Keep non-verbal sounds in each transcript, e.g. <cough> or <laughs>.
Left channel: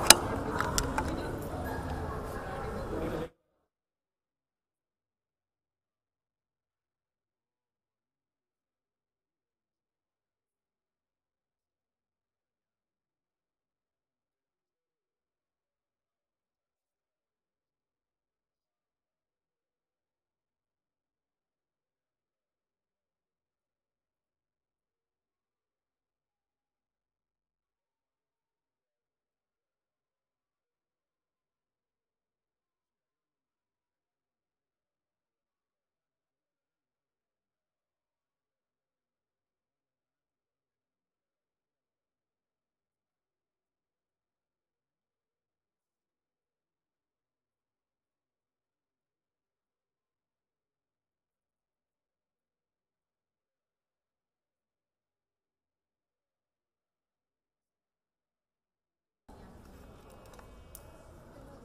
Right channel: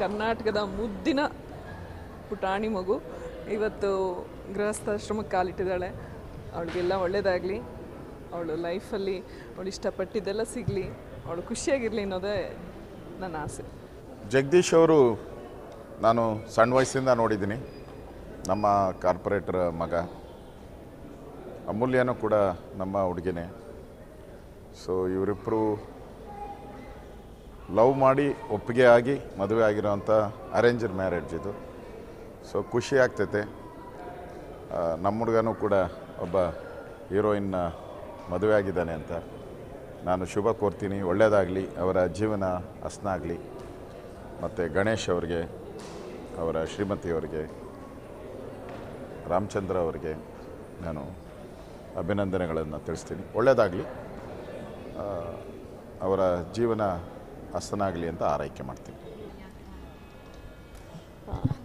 ಕರ್ನಾಟಕದ ಮುದ್ದಿನ ಪುಟಾಣಿ ಮಗು. ಇವತ್ತು ಗೃಹಸ್ಥಾಶ್ರಮಕ್ಕೆ ಕಾಲಿಟ್ಟಿದ್ದಾಳೆ. ಅವಳಿಗೆಲ್ಲ ಒಳ್ಳೆಯದಾಗಲಿ ಅವಳು ಲೈಫಲ್ಲಿ ಅವಳು ಇಷ್ಟಪಟ್ಟಿದ್ದೆಲ್ಲ ಸಿಗಲಿ. ಅವಳು ಖುಷಿಯಾಗಿರಲಿ ಅನ್ನೋದೇ ನನ್ನ ಆಸೆ. ಜಗದೀಶ್ ಅವರು ನಾನು ಸಣ್ಣ ವಯಸ್ಸಿಂದ ನೋಡಿದ್ದೀನಿ. ನಮ್ಮ ಕಾರ್ಪೊರೇಟರ್ ಮಗ. ಅಮೂಲ್ಯನೂ ಕೂಡ ನಮ್ಮ ಹುಡುಗಿನೇ. ಸೊ ಇವರಿಬ್ಬರು ಲವ್ ಮಾಡಿ, ಒಪ್ಪಿಗೆ ಆಗಿ, ಮದುವೆ ಆಗಿರೋವಂಥ ಅರೇಂಜ್ಡ್ ಮ್ಯಾರೇಜ್ ಇದು. ಸೊ ಖುಷಿ ಆಗ್ತೈತೆ. ನಮ್ಮ ಹುಡುಗನೂ ಕೂಡ ಒಬ್ಬ ಹೀರೋಯಿನ್ನ ಮದುವೆ ಆಗಿದ್ದಾನೆ ಅಂತ. ನಾನು ಶುಭ ಕೋರ್ತೀನಿ. ಒಳ್ಳೆಯದಾಗಲಿ ಅವರ ಜೀವನ ಹಸನಾಗಲಿ ಮತ್ತು ಗಣೇಶ್ ಅವ್ರಿಗೆ, ಅವರ ಶ್ರೀಮತಿಯವರಿಗೆ ರಾಮಚಂದ್ರ ಅವರಿಗೆ ನಾನು ಅಭಿನಂದನೆಗಳನ್ನು ತಿಳಿಸ್ತೀನಿ. ಒಳ್ಳೆಯದಾಗಲಿ ಅವರ ಜೀವನ ಹಸನಾಗಲಿ ಅಂತ ಆರೈಕೆ ಮಾಡ್ತೀನಿ.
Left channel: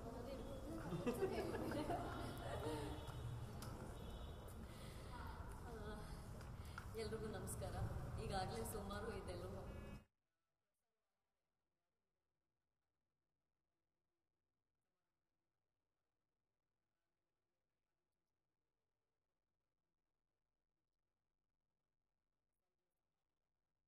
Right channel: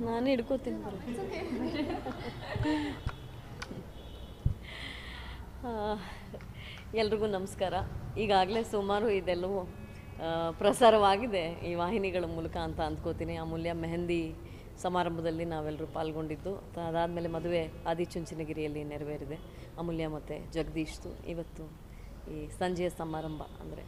ನಾನು ಹಿಡ್ಕೋತೀನಿ ಎಲ್ರಿಗೂ ನಮಸ್ಕಾರ. ಈಗಾಗಲೇ ಸುಮಾರು ಇದೆಲ್ಲವೂ ಪ್ರಸಾರವಾಗಿದೆ ಈ ವಾಹಿನಿಗಳ ಮೂಲಕ ಅಂತ ಅಂದ್ಕೋತೀನಿ. ಅಮೂಲ್ಯ ಮೆಹಂದಿ ಸಮಾರಂಭದಲ್ಲಿ ನಾವೆಲ್ಲರೂ ಪಾಲ್ಗೊಂಡಿದ್ದು. ಅದಾದಮೇಲೆ ಮದುವೆ ಆದಿಚುಂಚನಗಿರಿಯಲ್ಲಿ ನೆರವೇರಿದೆ. ಅಮೂಲ್ಯ ಮತ್ತು ಜಗದೀಶ್ದು. ಇವತ್ತು ಈ ಸಂಜೆಯ ಸಮಾರಂಭ ಅಂದರೆ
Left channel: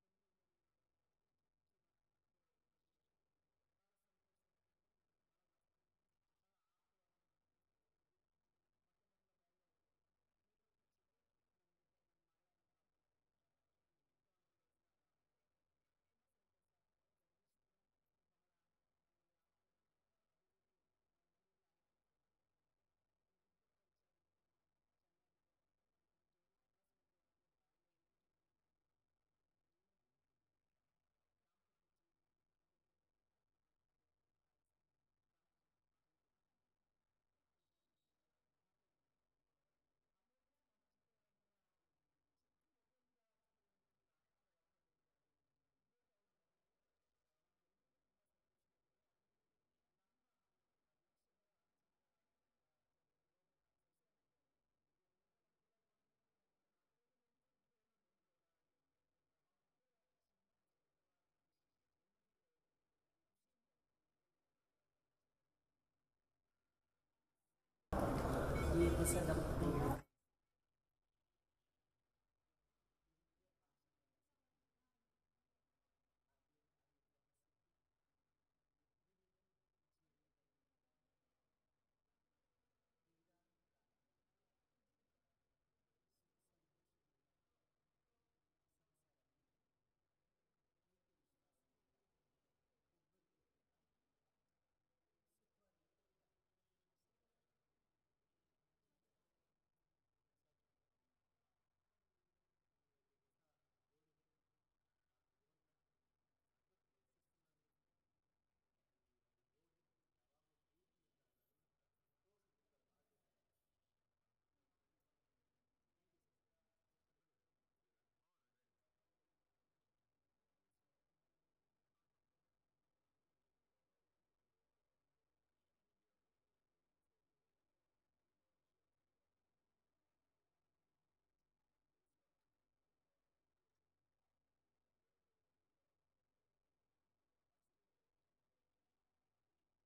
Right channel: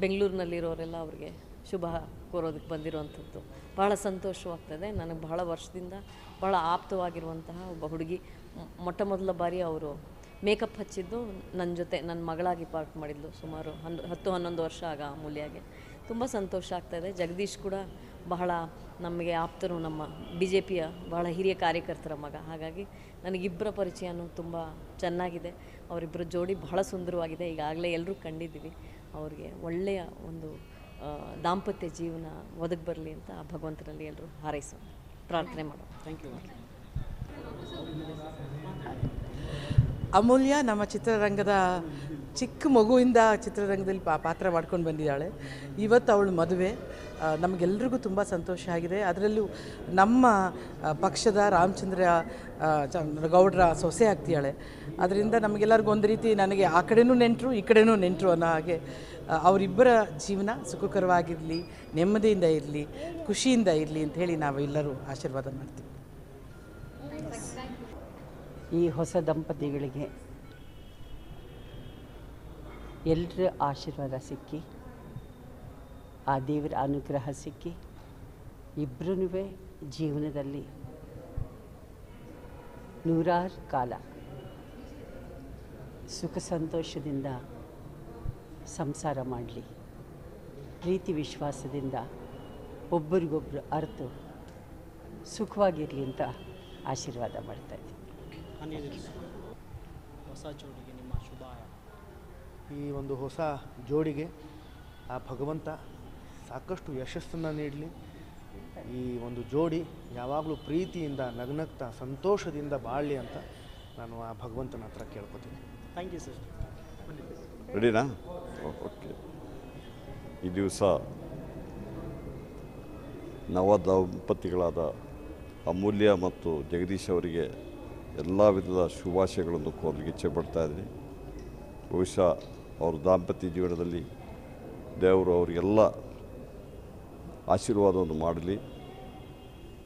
ಬೆಂಗಳೂರಿನಲ್ಲಿರೋರೆಲ್ಲ ಅವ್ರಿಗೆ ಶುಭ ಕೋರೋದಕ್ಕೆ ಬಂದಿರುವಂಥದ್ದು. ಬಹಳ ಸಂತೋಷವಾಗ್ತದೆ. ನನಗೆ ಬಹಳ ವರ್ಷದಿಂದ ಬಹಳ ಆಪ್ತವಾಗಿರುವಂತಹ ಒಬ್ಬ ಹುಡುಗಿ. ಮೊಟ್ಟ ಮೊದಲ ಬಾರಿ ಅವರು ಮೇಕಪ್ ಹಚ್ಚಿದ್ದು ನನ್ನ ಜೊತೆ ನನ್ನ ಮಗಳಾಗಿ ಪಾರ್ಟ್ ಮಾಡಿದ್ಲು. ಸುಮಾರು ಹನ್ನೊ ಹತ್ತು ಹನ್ನೊಂದು ವರ್ಷ ಆಗ ಅಮೂಲ್ಯಾಗೆ ತುಂಬ ಸಂತೋಷ ಆಗ್ತಾಯಿದೆ ಜಗದೀಶ್ ಕೂಡ ಬಹಳ ನಮಗೆ ಆಪ್ತರು, ನಮ್ಮ ಬಿ ಜೆ ಪಿಯ ಬಹಳ ಹಿರಿಯ ಕಾರ್ಯಕರ್ತರ ಮಗ. ಹಾಗಾಗಿ ನನಗಿಬ್ಬರ ಪರಿಚಯನೂ ತುಂಬ ಚೆನ್ನಾಗಿದೆ. ಅವರಿಬ್ಬರ ಜೋಡಿ ಬಹಳ ಸುಂದರವಾಗಿದೆ. ಈಗಾಗಲೇ ಎಲ್ಲರೂ ಕಂಡಿದ್ದೀವಿ. ಅವ್ರಿಗೆ ಒಳ್ಳೆಯ ಒಂದು ದಾಂಪತ್ಯ ಜೀವನ ಒದಗಿ ಬರಲಿ ಅಂತ ಆ ಭಗವಂತನಲ್ಲಿ ಎಲ್ಲರೂ ಹಾರೈಸೋಣ ಪ್ರಾರ್ಥನೆ ಮಾಡೋಣ. ಥ್ಯಾಂಕ್ ಯು ಅಮೂಲ್ಯ ನಮ್ಮ ಚಿತ್ರರಂಗದ ಚಿಕ್ಕ ಮಗುವಿಂದ ಚಿತ್ರರಂಗದಲ್ಲಿ ಪಾ ಪಾತ್ರ ಮಾಡ್ಕೊಂಡು ಬಂದಿದ್ದಾಳೆ. ಇವತ್ತು ಅವಳು ಮದುವೆ. ನಮಗೆಲ್ರಿಗೂ ತುಂಬ ಸಂತೋಷ ಆಗಿದೆ. ಅದರಲ್ಲೂ ನಮ್ಮ ಪಕ್ಷದ ರಾಮಚಂದ್ರ ಗೌಡ್ರ ಸೊಸೆ ಆಗ್ತಿದ್ದಾಳೆ ಅದರಿಂದ ನಮಗೆಲ್ಲರಿಗೂ ಒಂದು ರೀತಿ ನನಗೆ ಆ ಕಡೆನೂ ನೆಂಟರು, ಈ ಕಡೆನೂ ನೆಂಟರು ಅನ್ನೋ ಹಾಗೆ ಅವರಿಬ್ಬರ ಜೀವನ ಸುಖಕರವಾಗಿರಲಿ, ನೆಮ್ಮದಿಯಿಂದ ಇರಲಿ, ಖುಷಿಯಿಂದ ಇರಲಿ ಅಂತ ಹೇಳಿ ನಾವು ಎಲ್ಲರೂ ಆಶೀರ್ವಾದ ಮಾಡ್ತೀವಿ. ಈ ಹೊಸ ದಂಪತಿಗಳಿಗೆ ಎಲ್ಲರ ಆಶೀರ್ವಾದ ಸಿಕ್ಕಿ, ಆ ದೇವರ ಅನುಗ್ರಹ ಸಿಕ್ಕಿ ಇಬ್ಬರೂ ಜೀವನದಲ್ಲಿ ನೂರಾರು ಕಾಲ ಸುಖ ಸಂತೋಷದಿಂದ ಸಂಸಾರ ಮಾಡಲಿ. ಪ್ರೀತಿ ವಿಶ್ವಾಸದಿಂದ ಒಬ್ಬರಿಗೊಬ್ಬರು ಅರ್ತು ಸುಖವಾಗಿರಲಿ ಅಂತ ಆಶೀರ್ವಾದ ಮಾಡ್ತಾ ಇದ್ದೀನಿ. ಹೊಸ ಜೋಡಿಗೆ ನಿಮ್ಮ ಶುಭಾಯ ಈ ಒಂದು ಹೊಸ ಜೋಡಿಗೆ ಆ ಭಗವಂತ ಸಾಕಷ್ಟು ಯಶಸ್ಸನ್ನು ನೀಡಲಿ. ಈ ಒಂದು ಜೋಡಿ ಯಾವಾಗಲೂ ಪ್ರೀತಿಯಿಂದ ನಗ್ನಗ್ತಾ ಸಂತೋಷದಿಂದ ಬಾಳಲಿ ಅಂತ ನಾನು ಆ ಭಗವಂತನ ಹತ್ರ ಕೇಳ್ಕೊತೀನಿ. ಥ್ಯಾಂಕ್ ಯು ಸರ್ ರೆಡಿನಾ ಓಕೆ ಈ ದಿವಸ ನವ ದಂಪತಿಗಳಾದ ಅಮೂಲ್ಯ ಮತ್ತು ಜಗದೀಶ್ ಅವರಿಗೆ ಎಲ್ಲ ವಿಧದ ಶುಭಾಶಯಗಳನ್ನು ಕೋರಲಿಕ್ಕೆ ಇಚ್ಛೆ ಪಡ್ತಾ ಇದ್ದೀನಿ. ಬಹುಶಃ ಅವ್ರ ದಾಂಪತ್ಯ ಜೀವನದಲ್ಲಿ ದೇವರು ಅವರಿಗೆಲ್ಲ ಆಶೀರ್ವಾದವನ್ನು ಮಾಡಲಿ.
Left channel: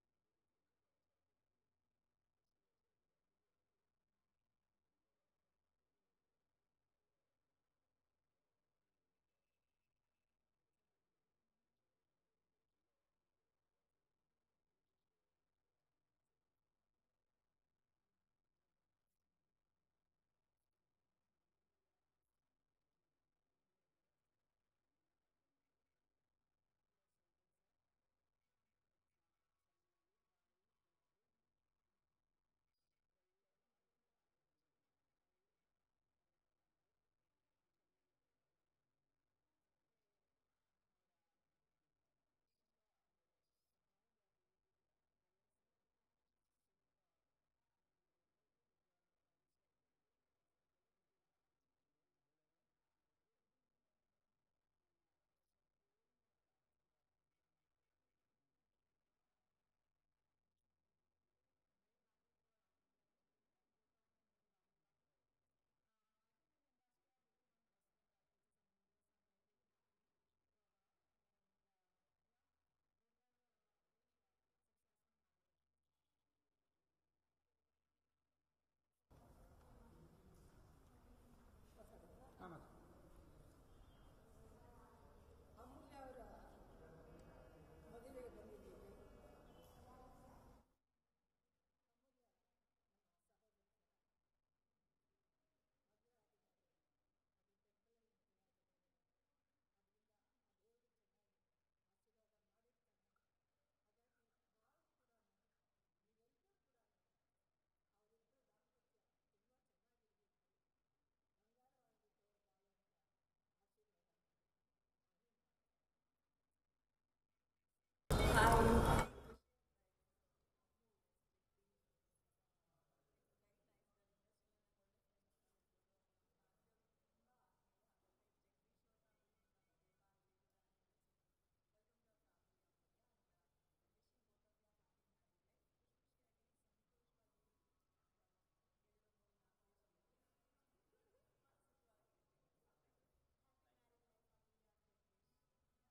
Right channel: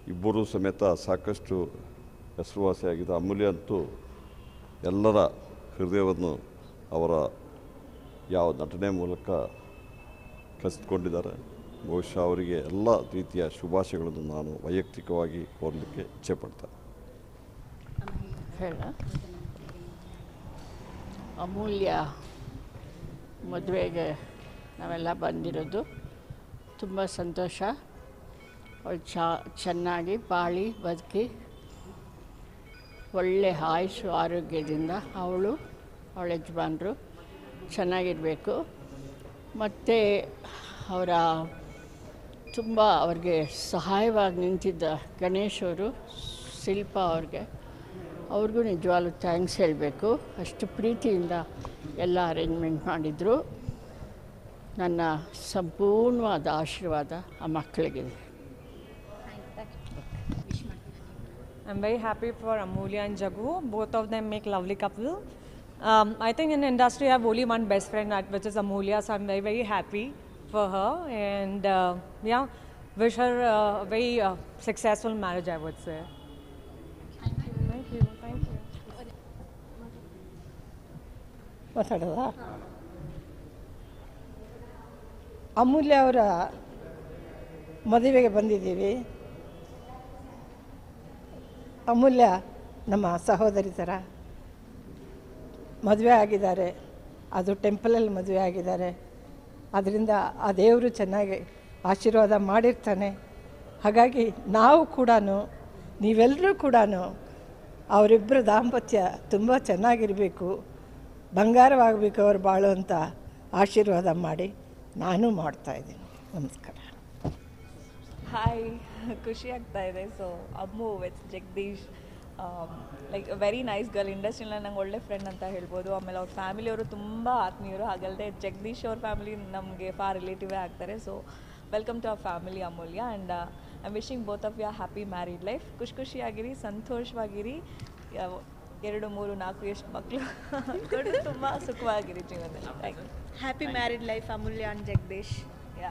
ಇಬ್ಬರೂ ಸಮೇತ ಸಾಕಷ್ಟು ಹೆಸರುವಾಸಿಯಾಗಿದ್ದ ಅಮೂಲ್ಯ ಅಂತೂ ಎಲ್ಲರ ಹೃದಯವನ್ನು ಅವರ ಯಾವ ನಟನೆ ಮೂಲಕ ಕಸಿದುಕೊಂಡಿದ್ದಾರೆ. ಬಹುಶಃ ಅವರಿಗೆ ಎಲ್ಲ ರೀತಿಯ ಶುಭಾಶಯಗಳನ್ನು ನಾನು ವೈಯಕ್ತಿಕವಾಗಿ ಕೋರಲಿಕ್ಕೆ ಇಚ್ಛೆ ಪಡ್ತೇನೆ ಅಮೂಲ್ಯ ಮದುವೆಗೆ ನಾವೆಲ್ಲ ಬಂದಿರೋದು. ತುಂಬ ಸಂತೋಷ. ಅವಳು ಚಾ, ಚೆನ್ನಾಗಿ ಬಾಳಿ ಬದುಕಿ, ಒಳ್ಳೆ ಆಯುಷು, ಆರೋಗ್ಯದಿಂದ ಅವಳು ಅವಳ ಯಜಮಾನರು ಚೆನ್ನಾಗಿರಬೇಕು. ಮತ್ತು ಅವರ ತುಂಬ ಅವ್ರಿಗೆ ಸಹಾಯವಾಗಿ ನಿಂತಿದ್ದ ಗಣೇಶ್ ಅವರು, ಶಿಲ್ಪ ಅವ್ರಿಗೆ, ಅವ್ರಿಗೂ ನಿಜವಾಗ್ಲು ಥ್ಯಾಂಕ್ಸ್ ಹೇಳಬೇಕು. ಅಷ್ಟು ಪ್ರೀತಿಯಿಂದ ಎಲ್ಲ ಅರೇಂಜ್ಮೆಂಟ್ ಮಾಡಿದರು. ನನ್ನ ಸಂಪೂರ್ಣವಾದ ಆಶೀರ್ವಾದ ಆ ಮಕ್ಕಳಿಗಿದೆ I'm very happy for Amulya and Jagu. Both of them make lovely couple. Um, I think in industry, I have only one best friend, that- which is Amulya. So I'm very, very happy for her, and uh, yeah, wish her uh, a very uh, successful marriage. I would say. Thank you. Thank you. ಮಾತಾಡೋದಾ ಅಮೂಲ್ಯ ಅವರ ಮದುವೆಗೆ ಬಂದಿದ್ದೀವಿ ಅಮೂಲ್ಯ ನಮ್ಮ ಸಹೋದರಿ ಥರ ಮದುವೆ ಆಗಿದ್ದಾರೆ. ಅದು ಟೆಂಪಲಲ್ಲಿ ಮದುವೆ ಆಗಿದ್ದಾರೆ. ಅದರಿಂದ ಆ ದೇವರು ಚೆನ್ನಾಗಿ ಆಶೀರ್ವಾದ ಮಾಡಿರ್ತಾನೆ. ಹಾಗಾಗಿ ನಾವು ಕೂಡ ನೀವೆಲ್ಲರೂ ಕೂಡ ಅವರಿಬ್ಬರ ದಾಂಪತ್ಯ ತುಂಬ ಚೆನ್ನಾಗಿರಬೇಕು. ಬಂಗಾರವಾಗಬೇಕು ಅವ್ರು ಬಾಳು ಅಂತ ಆಶೀರ್ವಾದ ಮಾಡಿ ನಾನು ಮಾಡ್ತಾಯಿದ್ದೀನಿ ನಮಸ್ಕಾರ. <laughs> ಖುಷಿ ಆಗ್ತಾ ಇದೆ. So Ammu with Jagadish like very nice girl ಇಂಡಸ್ಟ್ರಿಯಲ್ಲಿ ನಂಗೆ ಒಳ್ಳೆ ಫ್ರೆಂಡ್ ಅಂತ ಹೇಳ್ಬೋದು. ಆಮೇಲೆ ಅವ್ರ ಫ್ಯಾಮಿಲಿಯವರು ತುಂಬ ಆತ್ಮೀಯರು. ಹಾಗಲ್ಲದೆ ಜಗದೀಶ್ ಅವ್ರ ಫ್ಯಾಮಿಲಿ ನಮಗೆ ಫಾರ್ ರಿಲೇಟಿವೇ ಆಗ್ತಾರೆ. So welcome to our family Amulya. And I wishing both of your happy married life ಖುಷಿ ಖುಷಿಯಾಗಿರಿ ಸಂತೋಷವಾಗಿರಿ. ಎರಡು ಮೂರು ನಾಲ್ಕು ಎಷ್ಟು ಮಕ್ಕಳು <laughs> ತುಂಬ ಸುಖವಾಗಿರಿ ಜೀವನದಲ್ಲಿ. Thank you life Amulya and Jagadish. You